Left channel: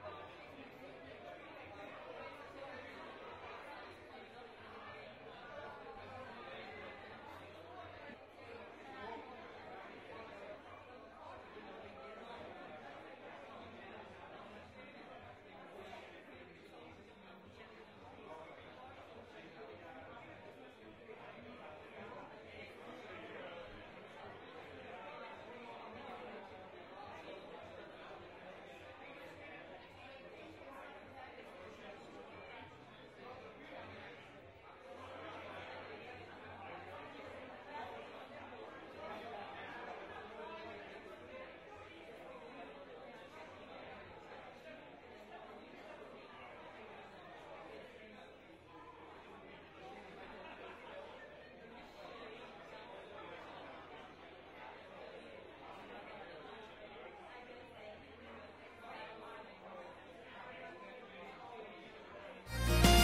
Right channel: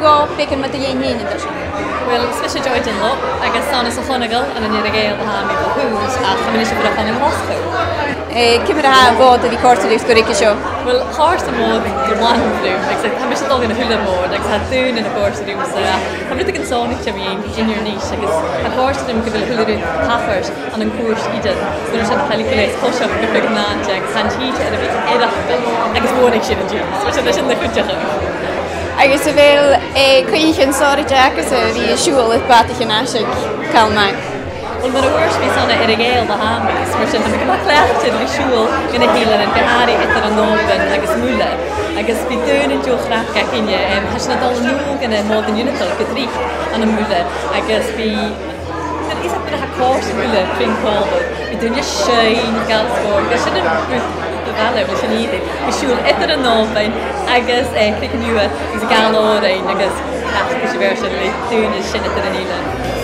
go picking with the yin idir. Well, especially joy in lo, I guess son is a funnigal and an irrigate the hand of who's a combination for a fun in hospital. Cymru ha fod a fi cortadwys gwrdd sio? Well, horse and more the one through, like I'm just dog in a hula board, like had doon in a horse to do so. I'm really thinking sonic to me in your niche, like a horse to them give a hula halfers and a course Eden. So there's a pelliculates push up with a big nan, like hand heat and a bit head up, like it's warning shit in jeans, which is in the good job. Agus a bhfuil chuoin sóir deachas a bhí siúil is batach an asig calmach. Well, mar a bhuairs bhí sanna irrigéal the hámbis, mar sin bhí cleachtain bhí siúil ina hílan an goharí itar an nóban agus múla. Agus bhí dún in dúchraach ga cinne, has na dal núg in a mód an unital go trí an múla. Agus bhí is a bit of a course múla fin cóbal. Bhí dún sein galscór, agus sin Gallo was an easy. We should enter a novel, I guess, click new is a gallo, I guess, that's the version, like, doing is shit at the